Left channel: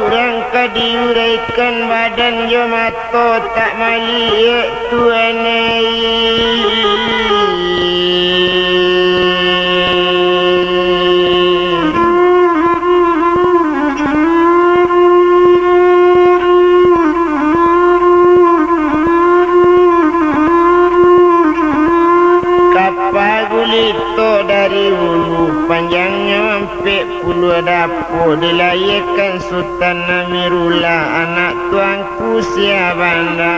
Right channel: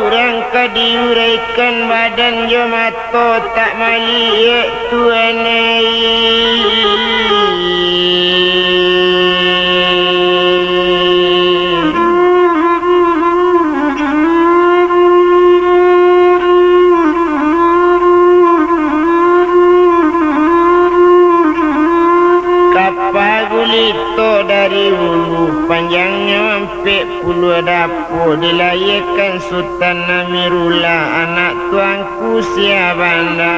urang kadiuraikan badan jo mato tak mali ye tuanai. Dilayakan Sultan Amirullah anak tuanku Siabanda.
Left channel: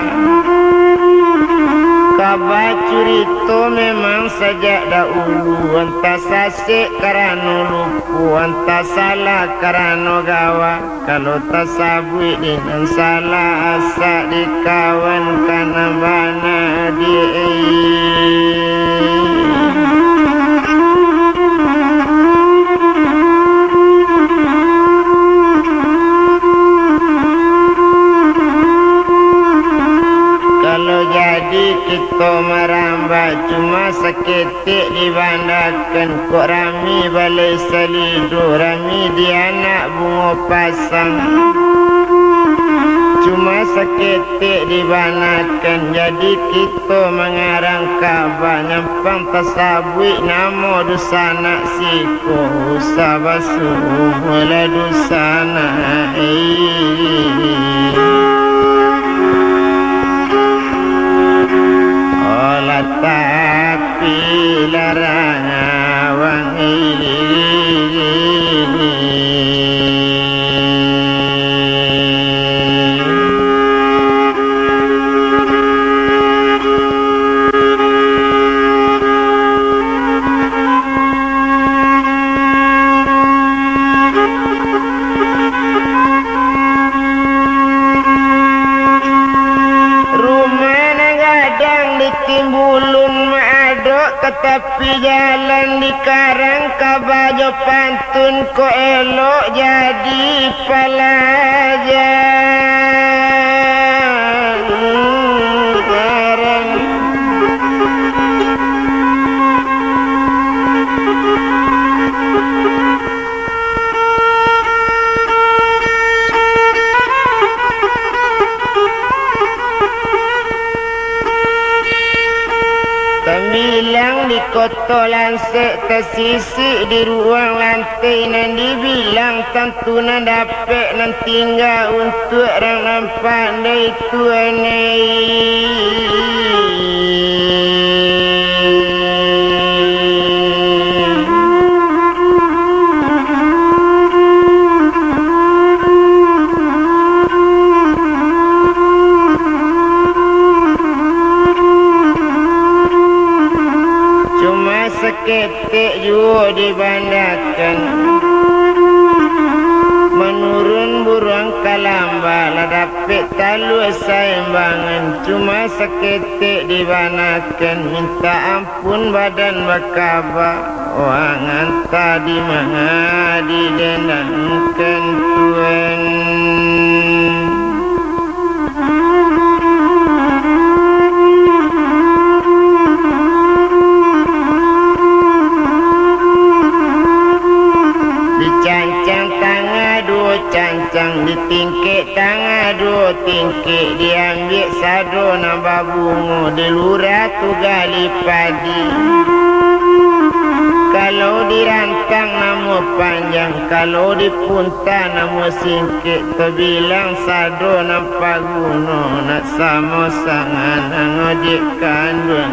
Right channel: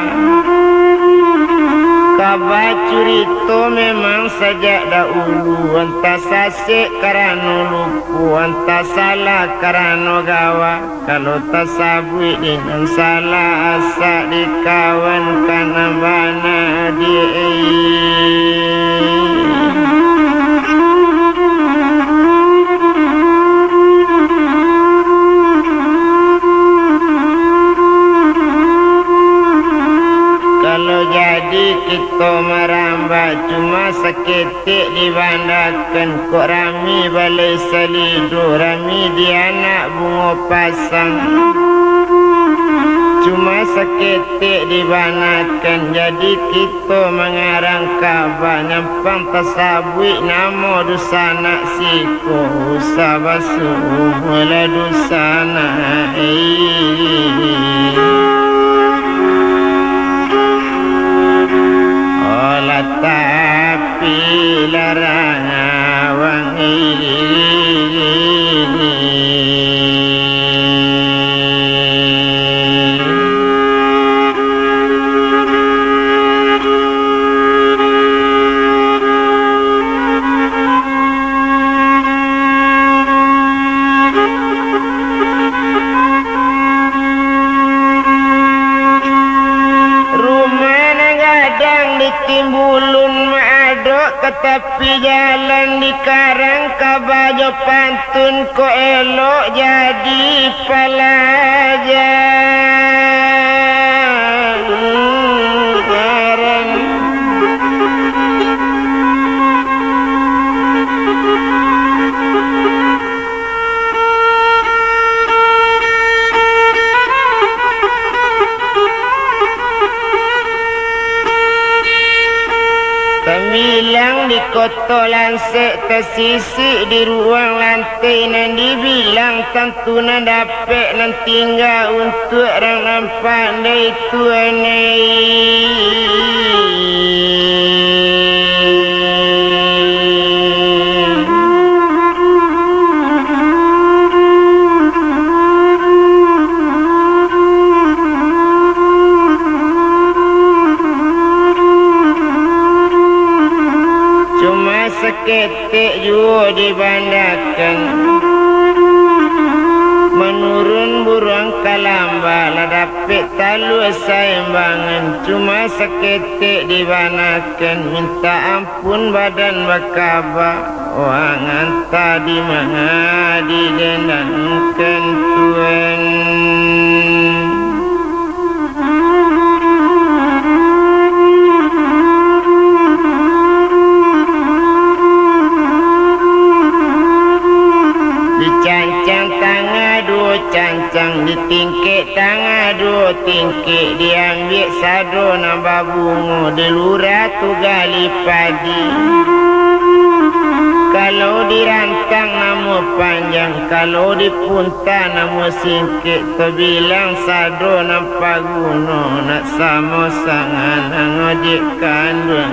Kabar cerita memang sajak dahulu, entah sasik karano lupu, entah salah karano gawa. Kalau tak sabui dengan salah asak dikawan karena mana dia. Seketik dibandakan kok rami balai salido, rami di anak bunga pasang. Cuma seketik dibandakan jadi kita mengarang kabar nyempang tasabui nama dusana siko sabasu mula dusana tapi jalan di karang kabajo pantun ko elok jadi pelajar. Kotolan tersisik di ruang lantai nan dibilang tentu nan dapat nan tinggal untuk orang nampak dari tuanai. Seketik juga dibandakan menurun burung kalamba ladapik talu saimbangan. Cuma seketik dibandakan minta ampun badan bakaba wangan tadi mengadi denangkan tuan. Ditingkik tangga dua tingkik diambil sado nambah bunga delura tu gali padi. Kalau dirantang nama panjang, kalau dipunta nama singkik. Terbilang sado nampak guna nak sama sangat ngojek kandung.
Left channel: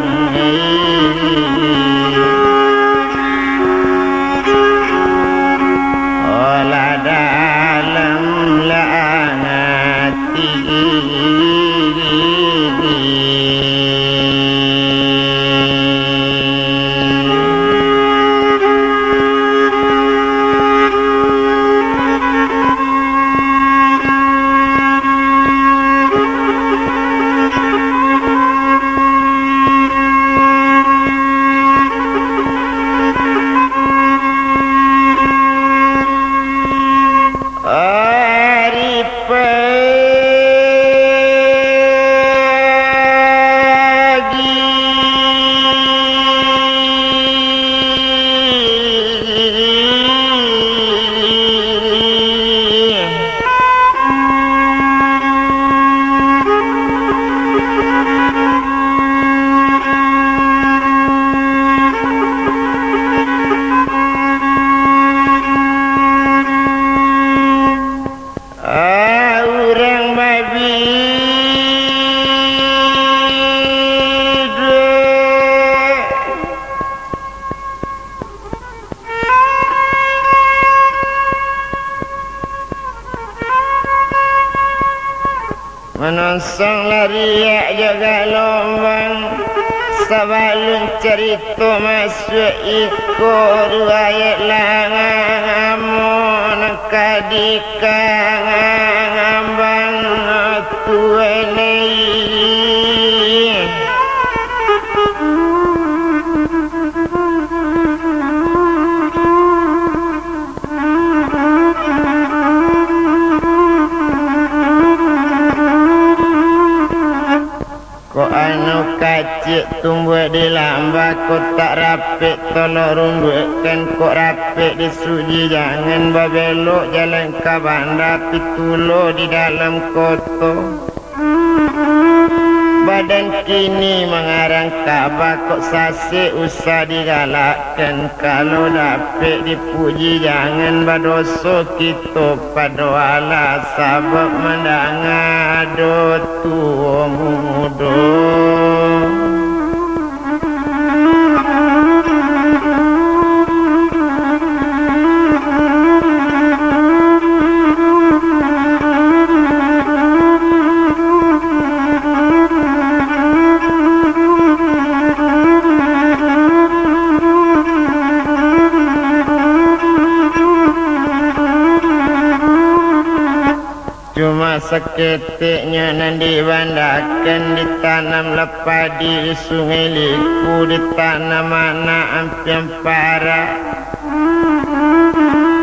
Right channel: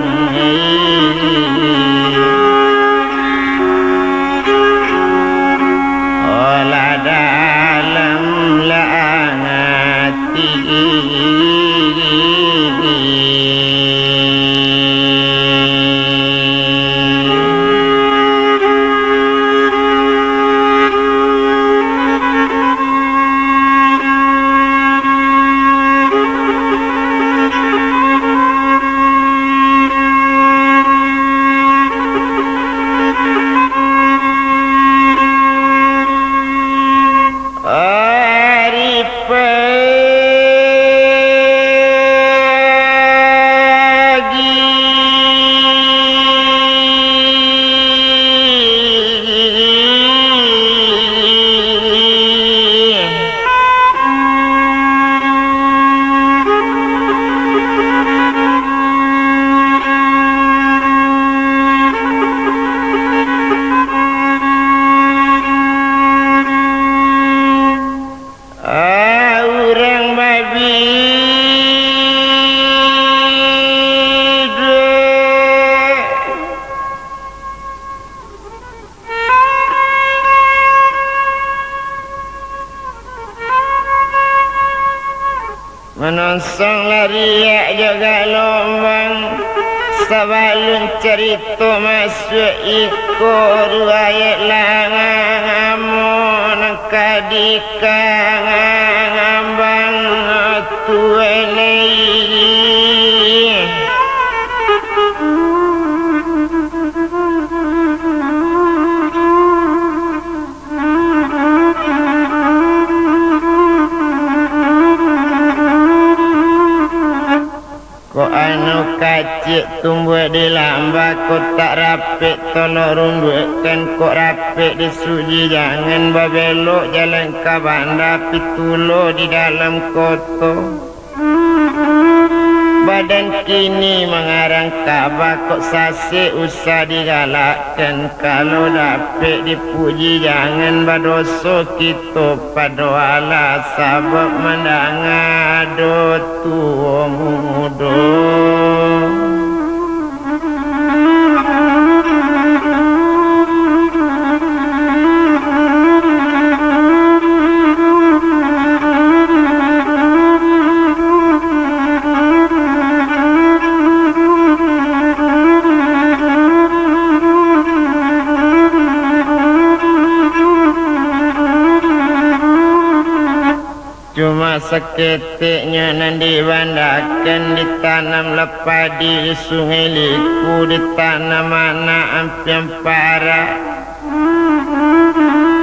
Menonsong lariak jaga lombang Sabalun cerita masuk ikut Riwayat langamun kadikang ambang tuenei Cik tumbuh di lamba kau tak rapik tolong rumbukkan kau rapik di suji jangan babelok jalan ke bandar pitulo di dalam koto badan kini mengarang kabar kok sasik usah digalakkan kalau dapik dipuji jangan berdosa kita pada ala sabab mendangado tua muda. Cuma seketiknya nan dibandakan ditanam lepadi di sungai liku ditanam anak ampian para.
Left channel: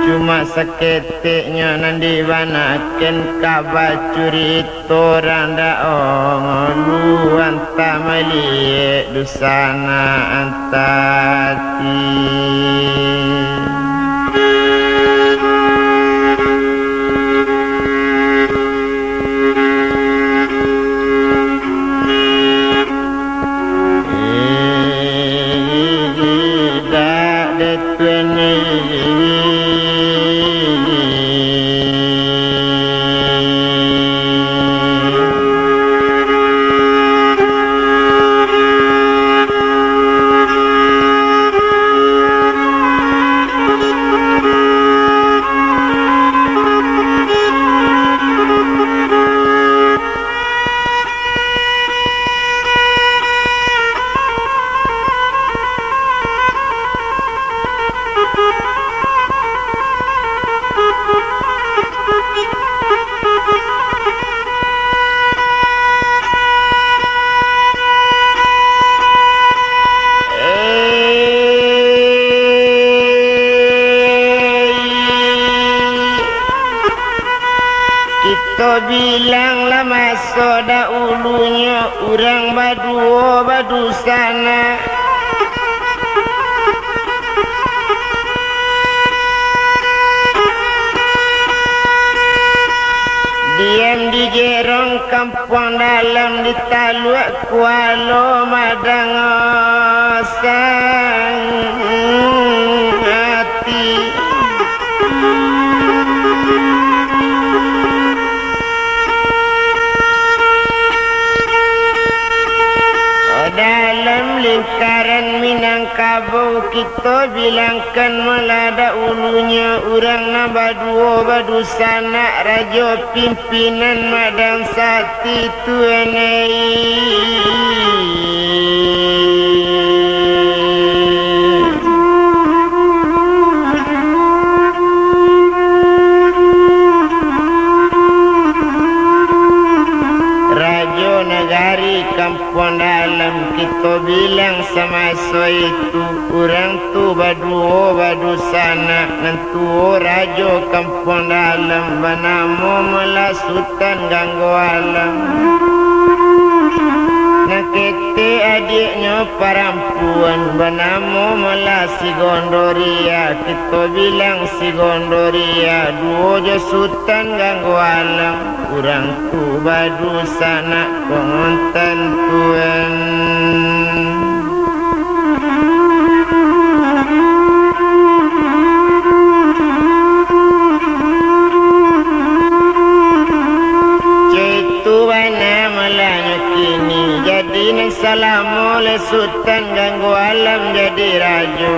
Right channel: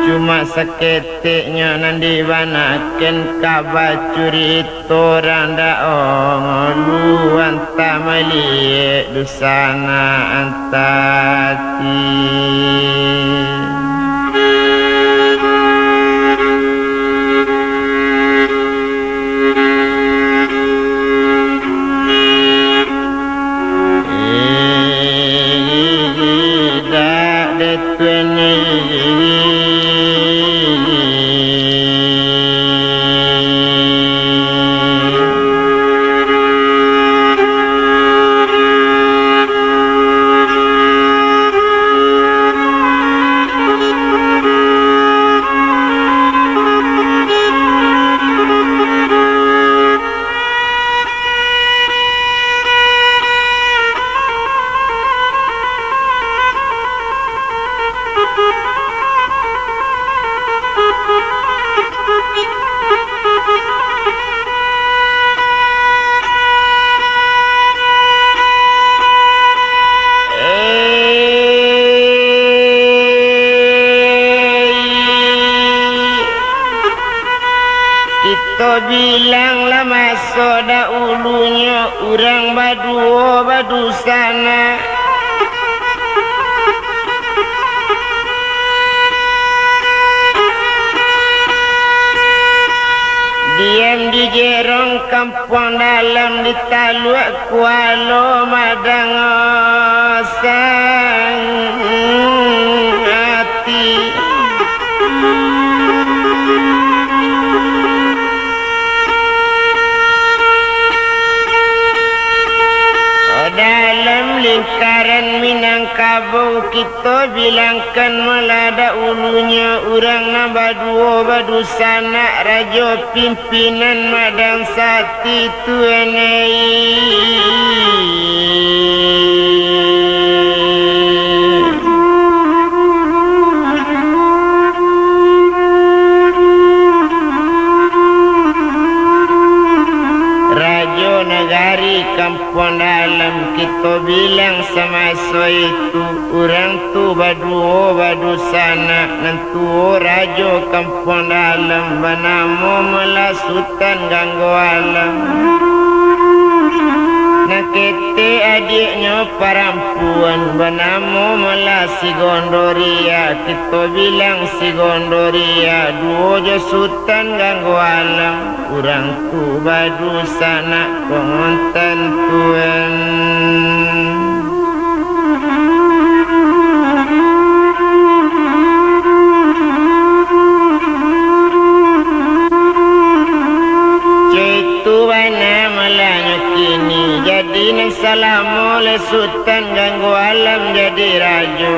Cuma seketiknya nan dibandakan kabar curi torang daong lu anta meliek dusana antati. Kita bilang lama soda ulunya urang baduo badu sana. Diam di jerong kampung dalam di taluk kualo madang sang hati. Lingkaran Minangkabau kita bilangkan melada ulunya urang nabaduo badu sanak raja pimpinan madang sati tuanai. Kampung dalam kita bilang sama so itu urang tu baduo badu sana nantu rajo kampung dalam banamo melasutan ganggu alam nakete adiknya perempuan banamo melasi gondoria kita bilang si gondoria duo jasutan ganggu alam urang tu badu sana kongontan tuan. Salamu le sultan ganggu alam jadi rajo.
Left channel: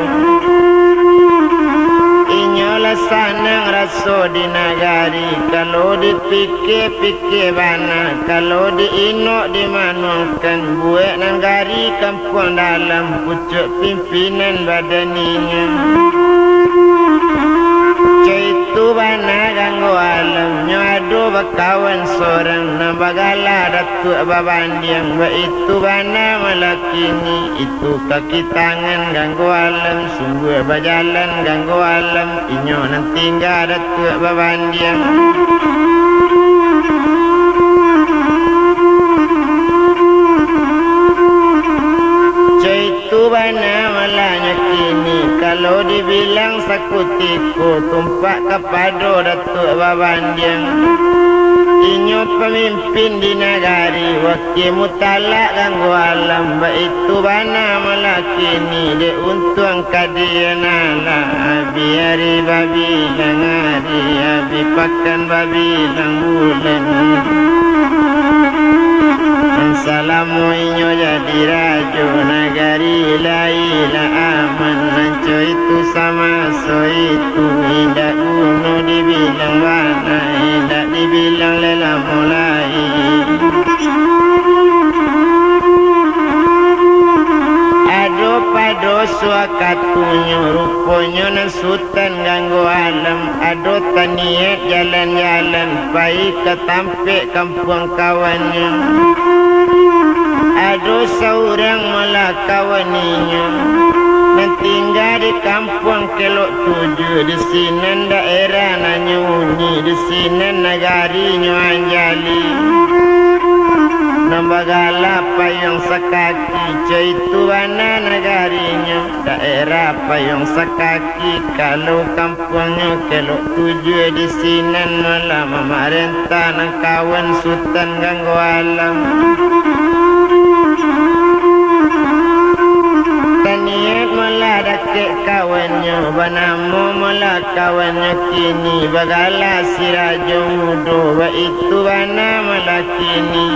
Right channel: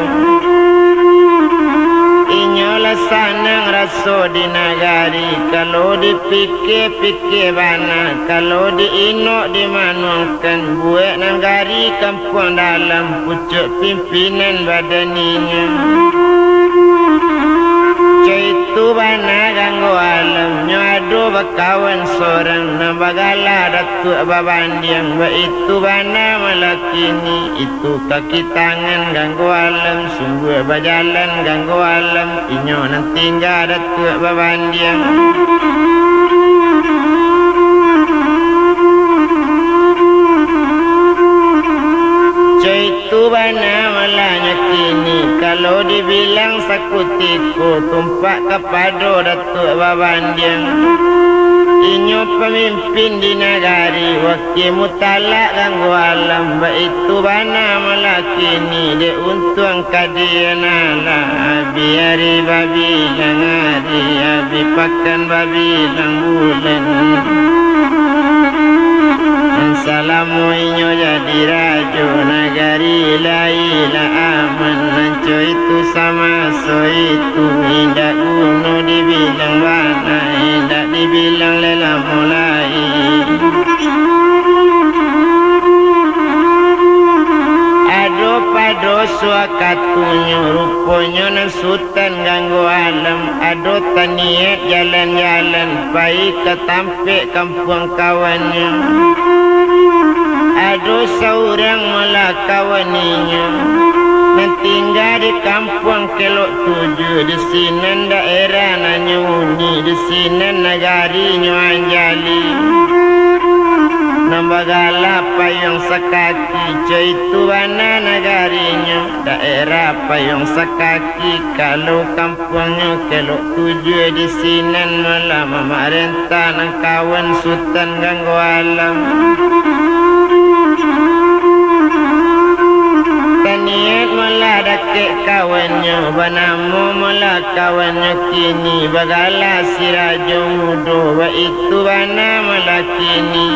Inyolah sanang raso di nagari. kalau dipikir-pikir bana, kalau diinok dimanungkan, buat nanggari kampung dalam pucuk pimpinan badaninya. Caitu bana ganggu alam, nyadu bakawan sorang, nambagala datuk babandiang, itu bana malakini, itu kaki tangan ganggu alam, sungguh berjalan ganggu alam, inyo nang tinggal datuk babandiang. Caitu bana malanya kini, kalau dibilang sakutiku, tumpak kepada datuk babandiang. Inyo pemimpin di negari, wakil mutalak ganggu alam, itu bana malakini, de untung kadianala, biari babi lang hari, abi pakan babi lang bulan. Assalamu inyo jadi rajo, negari laila aman, lanco itu sama so itu, indah kuno dibilang bana, indah dibilang lela mulai. Ado pado suakatunyo, ruponya nasutan ganggu alam, ado taniat jalan-jalan, baik ketampe kampung kawannya. Ado seorang melakawaninya, dan tinggal di kampung kelok tujuh, di sini daerah nanyuni, di sini negari nyuanjali. Nambagala payung sekaki, caitu bana negarinya, daerah payung sekaki, kalau kampungnya kelok tujuh, di sini malam memerintah nang kawan sultan ganggu alam. Kawannya banamu mula kawannya kini, bagala sirajo mudo, itu bana mula kini.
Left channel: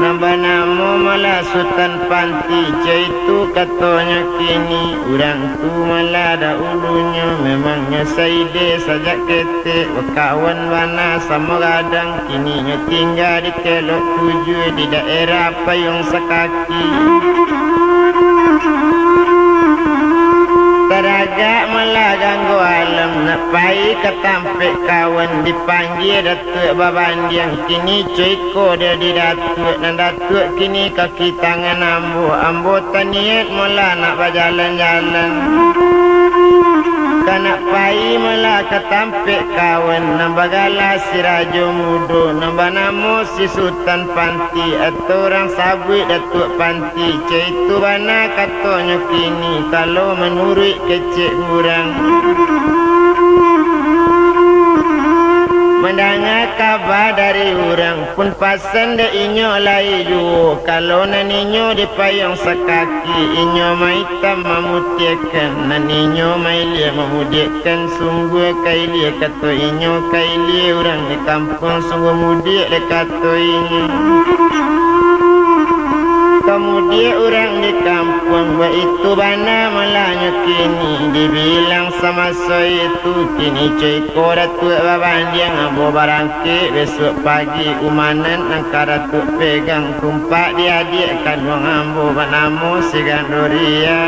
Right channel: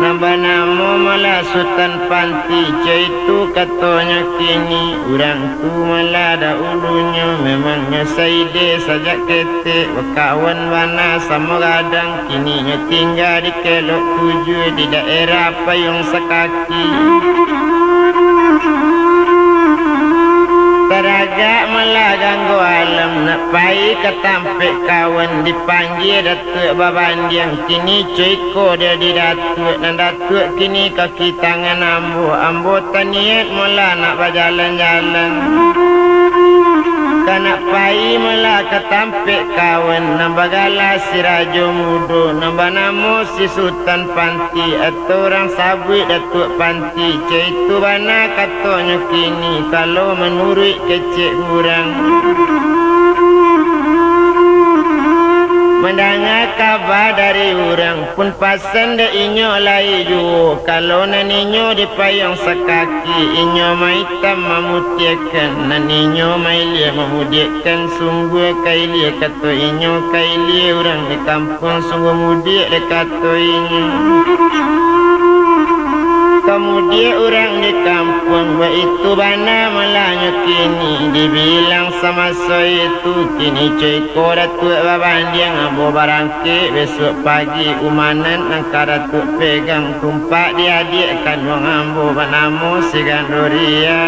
Nambanamu mula sultan panti, caitu katonya kini, urang tu mula da ulunya, memangnya saide sajak kete, kawan bana sama gadang, kininya tinggal di kelok tujuh, di daerah payung sekaki. Ganggu alam nak pai ketampe kawan dipanggil datuk babandiang, kini cuiko dia di datuk, dan datuk kini kaki tangan ambo taniat mula nak berjalan-jalan. Kanak pai mula ketampe kawan, nambagala si rajo mudo, nambanamu si sultan panti, atau orang sabui datuk panti, caitu bana katonya kini, kalau menurut kecik kurang. Mendengar kabar dari orang pun pasan de inyo lai juo, kalau naninyo di payung sekaki, inyo maitam mamutiakan, naninyo mailia memudiakan, sungguh kailia kata inyo kailia orang di kampung sungguh mudik de kata inyo. Kemudian orang di kampung itu bana malanya kini, dibilang sama saya itu kini ceko datuk babandiang ambo barangke, besok pagi umanan angka datuk pegang tumpak diadik kanyang ambo banamu si gandoria.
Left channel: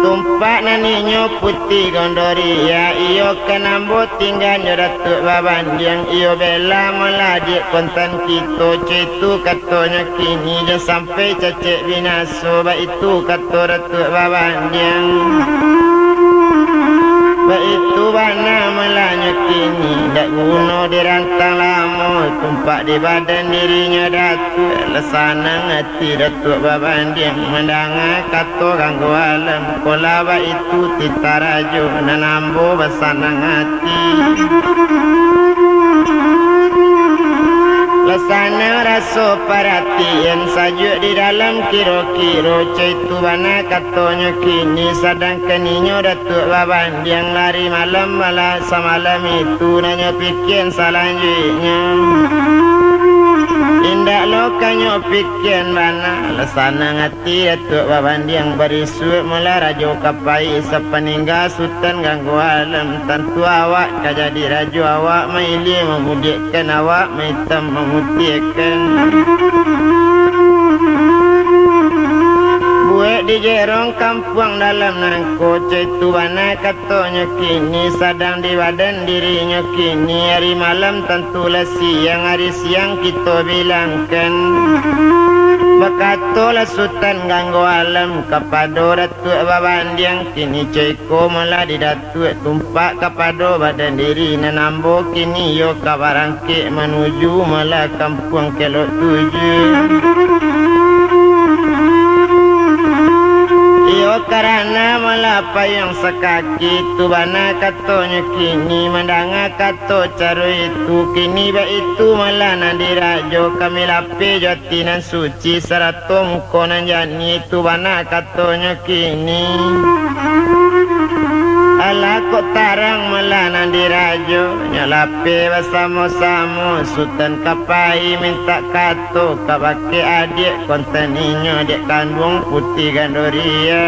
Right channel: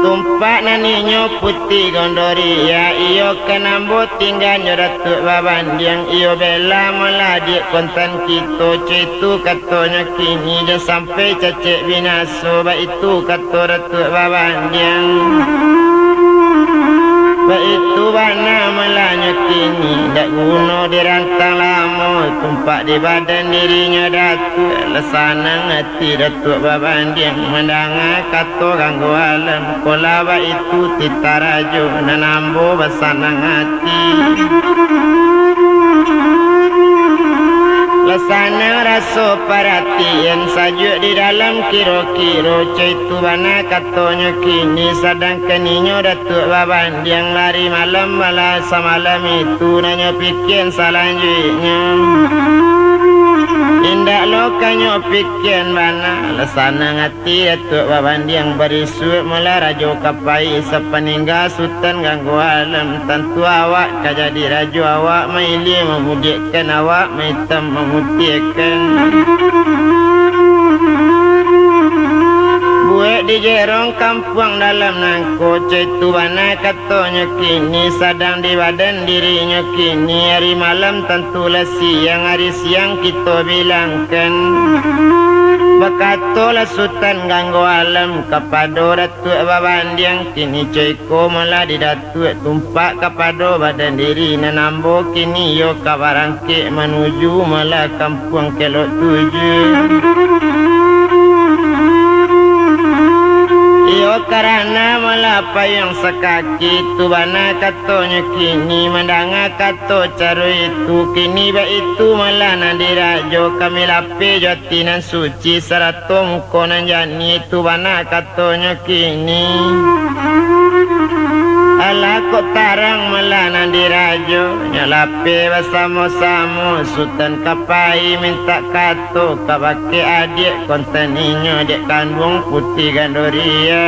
Tumpak naninyo putih gondoria, iyo kenambo tinggalnya datuk babandiang, iyo bela meladik kontan kita, cetu katonya kini dah sampai cacek binaso, itu kato datuk babandiang. Itu bana malanya kini, dak guna dirantang lama, tumpak di badan dirinya datuk, lesanan hati datuk babandiang, mendengar kato ganggu alam, kolaba itu titarajo, nanambo basanang hati. Lesana raso perhatian sajuk di dalam kiro-kiro, caitu bana katonya kini, sedangkan inyo datuk babandiang lari malam malah semalam itu nanya pikir selanjutnya. Indak lo kanyo pikian mana Lasana ngati atuk babandiang barisuk mula rajo kapai sapaningga sultan ganggu alam Tentu awak kajadi rajo awak maili memudikkan awak maitam memutihkan Buat di jerong kampung dalam nangko Cetu bana katanya kini Sadang di badan dirinya kini Hari malam tentulah siang Hari siang kita bilangkan Bakatolah sultan ganggu alam Kapado datuk babandiang Kini coyko malah di datuk Tumpak kapado badan diri Nanambo kini yo kabarangke Menuju malah kampung kelok tujuh Karena melapa yang sekaki tu bana katanya kini Mendanga kato caro itu Kini ba itu malah nadirajo Kami lape jotinan suci Seratung konan jani tu bana katanya kini Ala kok tarang malah nadirajo Nyalape bersama-sama Sultan kapai minta kato Kabake adik kontaninya Dek kandung putih gandoria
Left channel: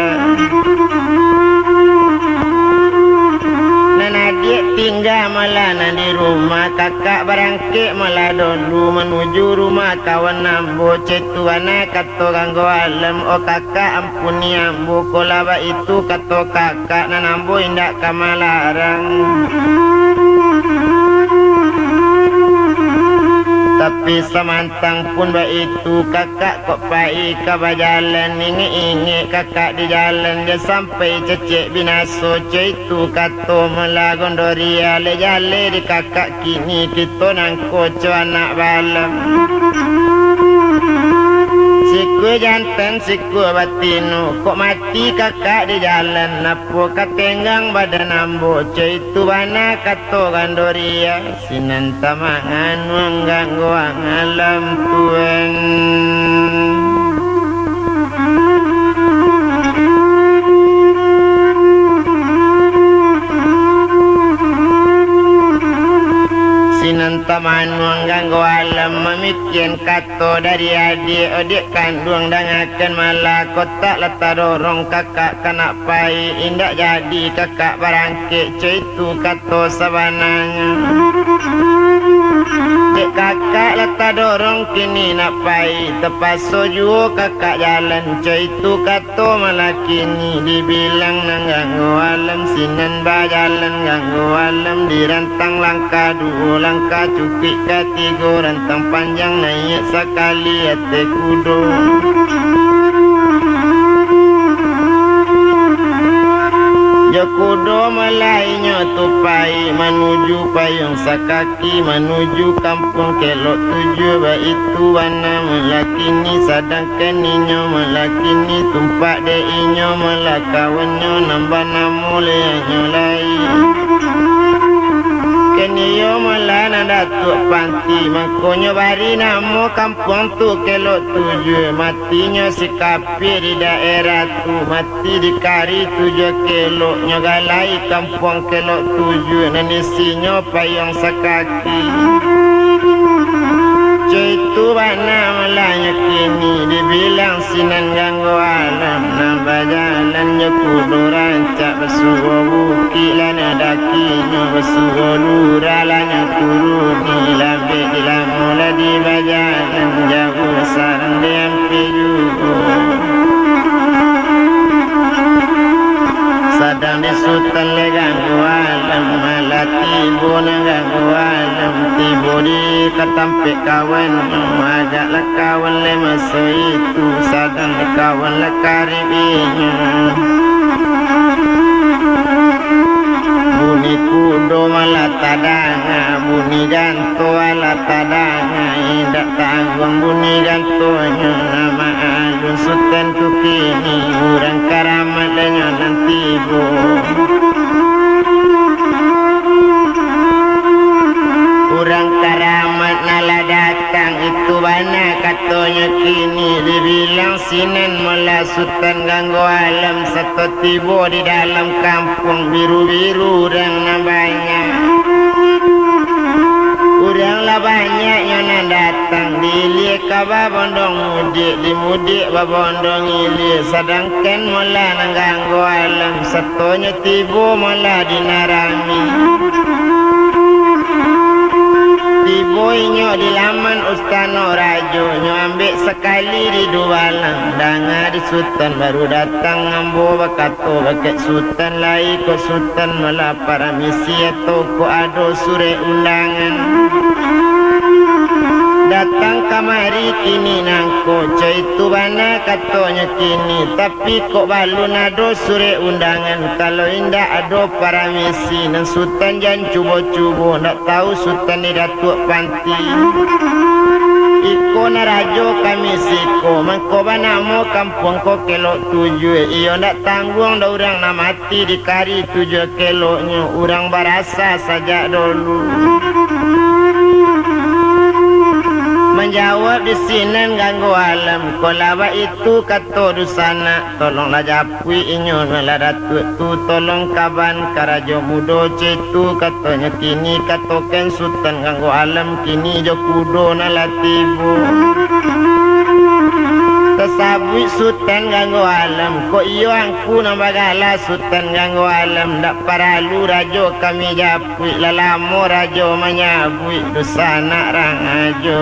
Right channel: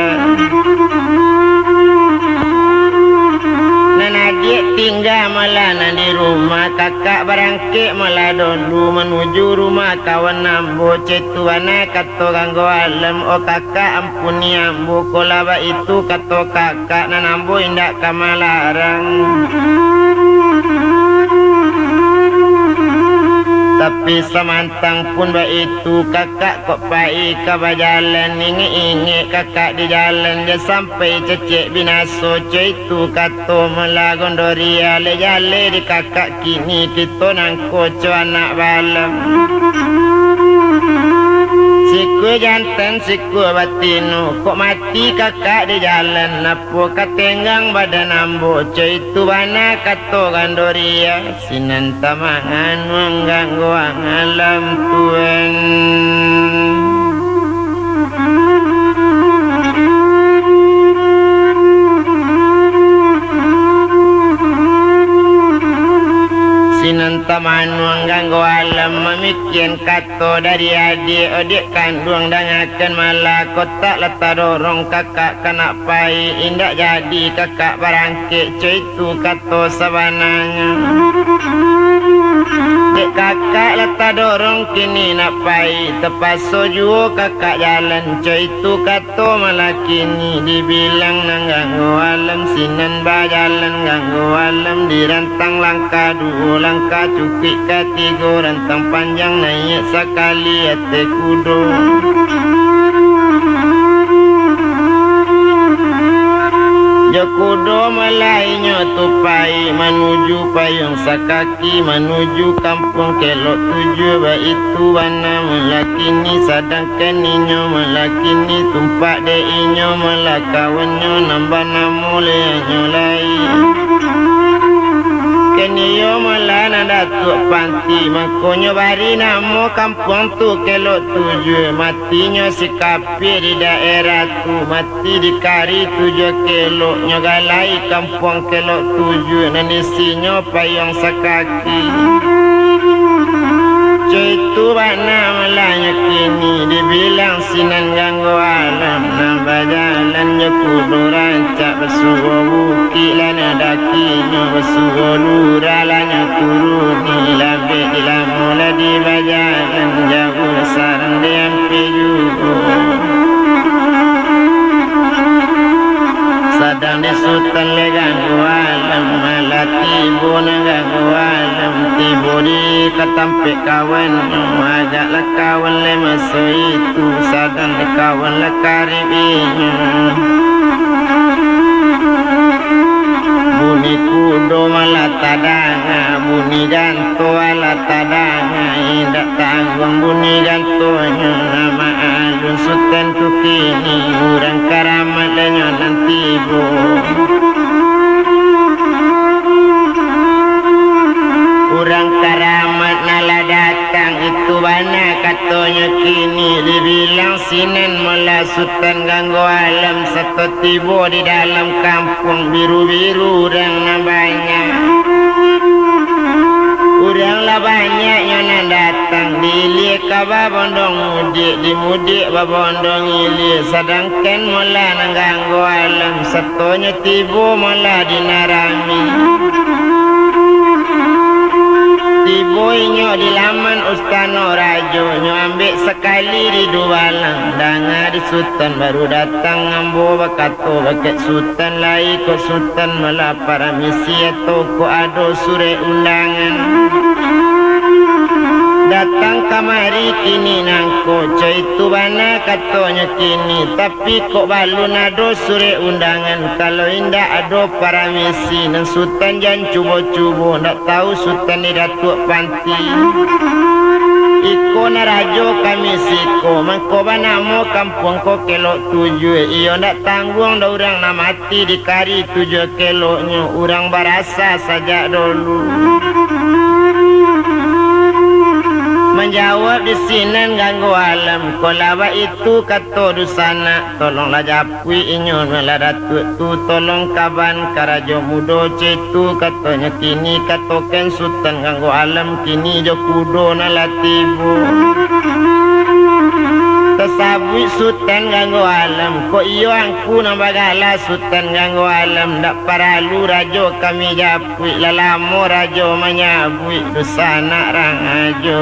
Dan adik tinggal malah di rumah Kakak berangkit malah dulu Menuju rumah kawan ambo Cetuana kato ganggu alam Oh kakak ampuni ambo Kolaba itu kato kakak Dan ambo indak kamalarang Tapi semantang pun baik itu kakak kok pai kabajalan inge-inge kakak di jalan dia sampai cecek binaso itu kato melagondori ale jale di kakak kini kita nangko anak balam Siku jantan siku batino kok mati kakak di jalan Napo katenggang badan ambo itu bana kato gandoria Sinan tamahan mengganggu alam tuan Sinan taman mengganggu alam Memikian kato dari adik kandung Dangakan malah kotak letak dorong kakak kena pai Indak jadi kakak barangkit Itu kato sabananya Dek kakak letak dorong kini nak pai Tepas soju kakak jalan Itu kato malah kini Dibilang nangganggu alam Sinan bajalan ganggu alam Dirantang langkah dua langkah cupik ketiga Rantang panjang naik sekali ate kudo Jokudo malainya tupai Menuju payung sakaki Menuju kampung kelok tujuh Baitu wana melakini Sadangkan inyo melakini Tumpak de inyo melakawanyo Nambah namu leanyo lain Keniyo malah datuk panti Makonyo bari namo kampung tu kelok tujuh Matinya si kapir di daerah tu Mati di kari tujuh kelok Nyogalai kampung kelok tujuh Nanisinya payung sakaki Itu bana malahnya kini Dibilang sinan ganggu alam Nambah jalannya kudu rancak Bersuruh bukit lana dakinya Bersuruh luralanya turuni Labik dilamula di bajalan Jauh sarang diam pijuku Sadang di sultan le ganggu alam Malah tibu na ganggu alam Tibu di katampik kawan Ajaklah kawan le masa itu Sadang di kawan le karibinya Bunyi kudo malah tadanga Bunyi janto malah tadanga Indak tanggung bunyi jantonya Nama alun sultan ku kini Urang karamat lenyo dan tibu Urang karamat nala datang Itu bana katanya kini Dibilang sinan malah sultan ganggu alam Satu tibu di dalam kampung Biru-biru urang namanya Urang lah banyak yang datang Dilihat mudik babondong ili sedangkan mula nangganggu alam setonya tibu mula dinarami tibu inyo di laman ustano rajo nyo ambek sekali di dualang danga di sultan baru datang ngambo bakato bakit sultan lai ko sultan mala para misi atau ko ado sure undangan datang kamari kini nangko coy tu bana katonya kini tapi kok balu nado sure undangan kalau indah ado para misi dan sultan jan cubo-cubo nak tahu sultan ni datuk panti iko na rajo kami siko mangko banamo kampung ko kelok 7 iyo nak tanggung da urang na mati di kari 7 keloknya urang barasa saja dulu menjawab di sini ganggu alam kolaba itu kato dusana tolonglah japui inyo ngala datuk tu tolong kaban karajo mudo cetu katanya kini katoken sultan ganggu alam kini jo kudo nalatibu tasabui sultan ganggu alam ko iyo angku nambagala sultan ganggu alam dak paralu rajo kami japui lalamo rajo menyabui dusana rang ajo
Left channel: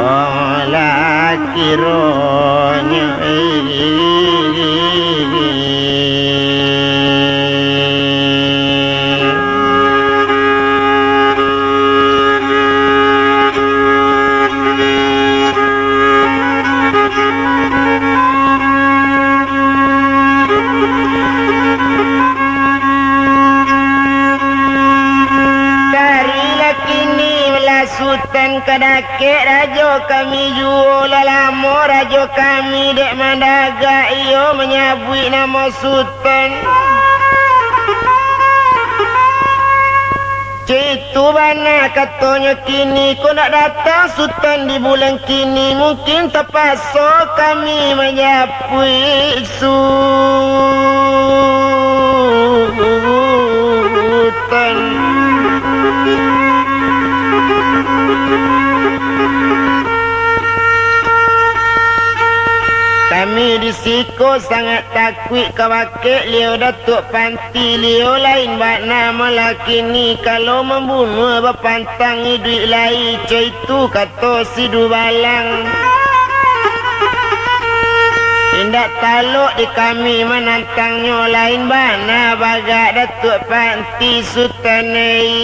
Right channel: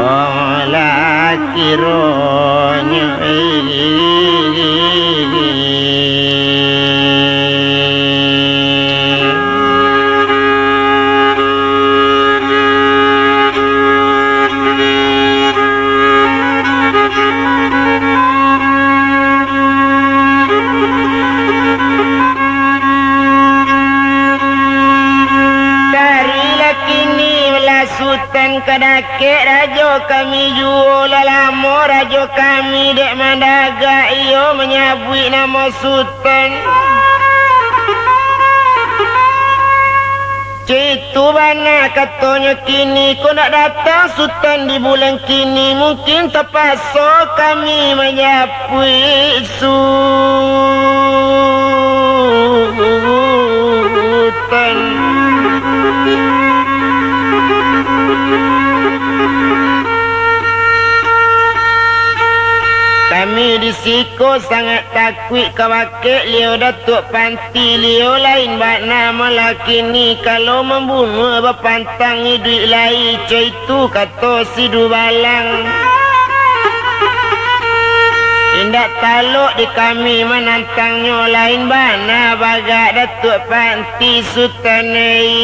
olah kironya kadake rajo kami juo lalamo rajo kami dek mandaga iyo menyabui nama sultan citu bana katanya kini kau nak datang sultan di bulan kini mungkin terpaksa kami menyabui sultan di siko sangat takut kawakek liu datuk panti liu lain bak nama laki ni kalau membunuh berpantang hidup lain itu kata si dubalang indak taluk di kami menantangnya lain bana bagak datuk panti sultanai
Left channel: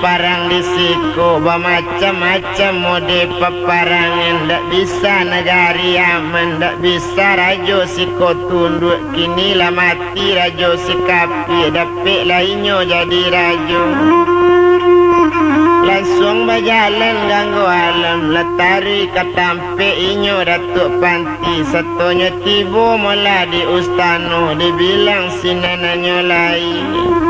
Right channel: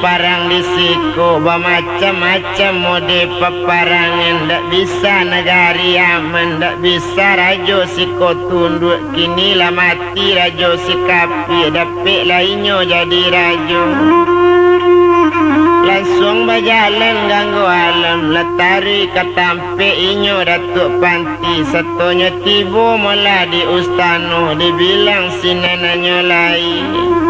parang di siko macam-macam mode peparangan ndak bisa negari aman ndak bisa rajo siko tunduk kini lah mati rajo sikapi dapik lainnya jadi rajo langsung berjalan ganggu alam letari katampe inyo datuk panti satunya tibu mula di ustano dibilang sinananya lain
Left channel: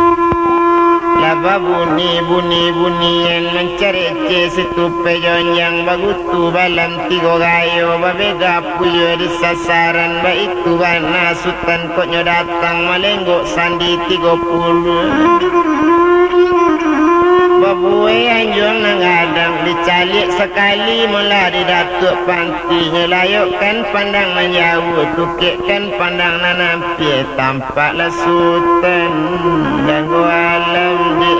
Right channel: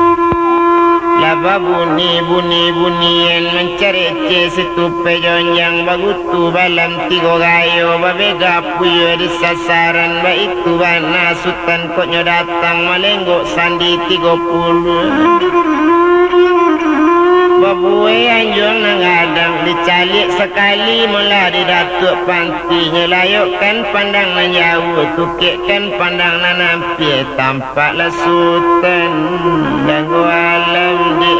laba bunyi-bunyian mencari situ pejon yang bagutu balam tigo gayo babega puyo di sasaran ba itu bana sultan koknya datang melenggok sandi 30 babuwe anjur nangadang dicalik sekali mula di datuk panti nyelayukkan pandang nanyawu tukikkan pandang nanampi tampaklah sultan ganggu alam di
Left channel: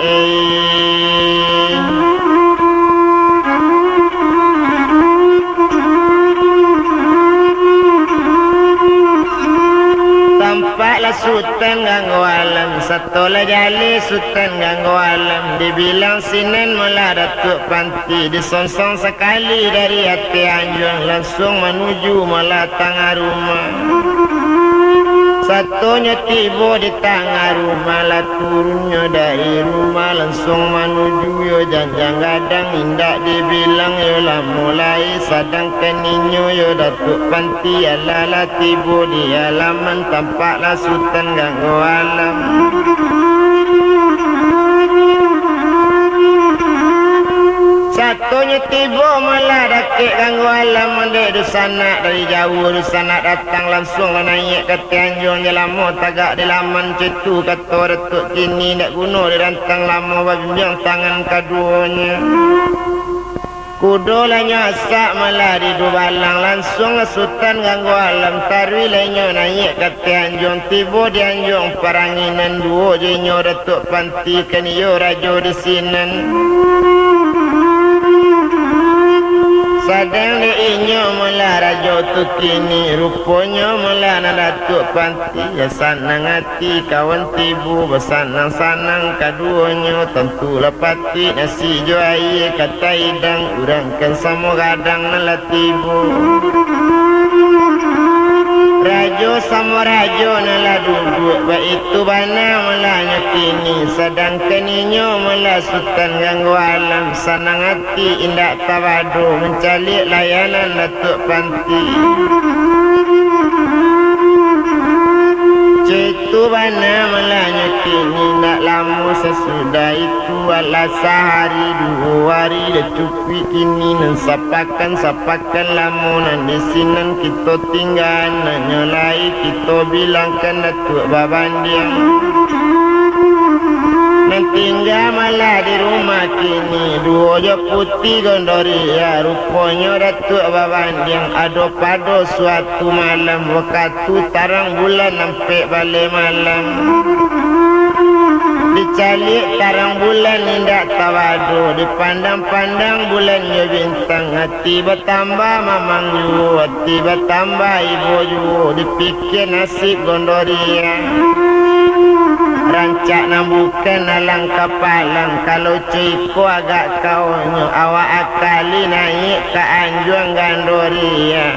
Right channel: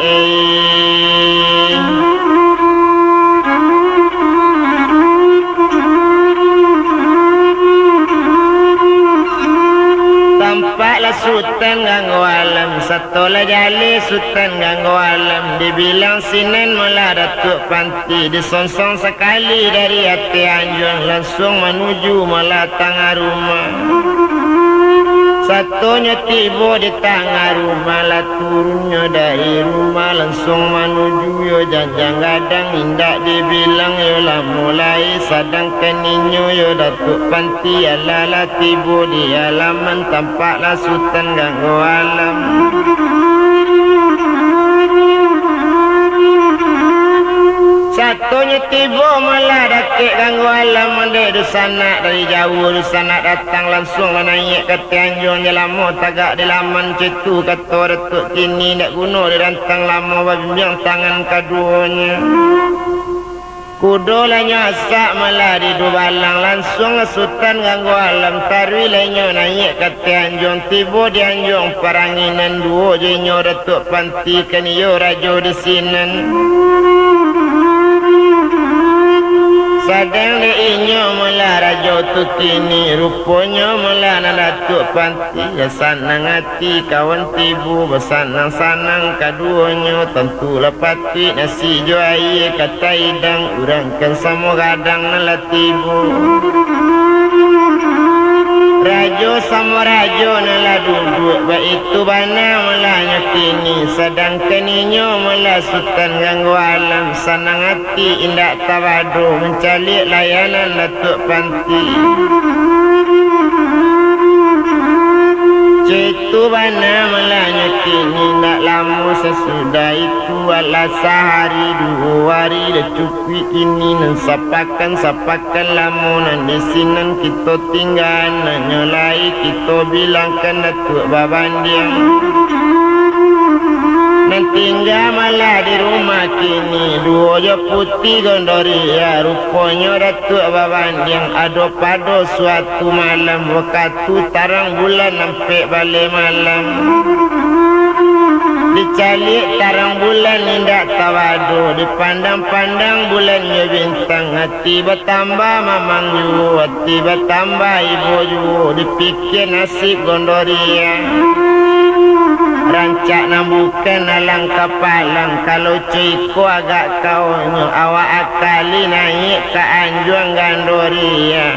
sultan ganggu alam satola jali sultan ganggu alam dibilang sinan mula datuk panti disonsong sekali dari hati anjung langsung menuju mula tengah rumah satunya tiba di tengah rumah lah turunnya dari rumah langsung menuju yo janjang gadang indak dibilang yo lah mulai sedangkan inyo yo datuk panti ala tiba di halaman tampaklah sultan ganggu alam Katanya tiba malah dakik ganggu alam mandek di sana dari jauh di sana datang langsung menaik ke Tanjung Jelamo tagak di laman cetu kata Datuk kini nak guna di rantang lama bimbang tangan keduanya. Kudo lanya asak malah di Dubalang langsung sultan ganggu alam tarwi lanya naik ke Tanjung tiba di Anjung Paranginan dua jenyo Datuk Panti kaniyo rajo di sinan. Sadang le inyo mula rajo tu kini rupanya mula na Datuk Panti ya sanang hati kawan tibu bersanang-sanang kaduanya tentu lepati nasi jo air kata idang urangkan sama kadang na tibu rajo sama rajo nala duduk itu bana malanya kini sedangkan inyo mula sultan ganggu alam sanang hati indak tawadu mencari layanan Datuk Panti cetu bana malanya kini nak lama sesudah itu ala sehari 2 hari dah cukup kini nan sapakan lamunan di sinan kita tinggal nak nyolai kita bilangkan Datuk Babandiang nan tinggal malah di rumah kini 2 je putih gondoria rupanya Datuk Babandiang ada pada suatu malam waktu tarang bulan sampai balik malam dicalik tarang bulan indak tawadu dipandang-pandang bulannya bintang hati bertambah mamang ju hati bertambah ibu ju dipikir nasib gondoria rancak nambukan alang kapalang kalau ciku agak kawannya awak akali naik ke Anjuang Gandoria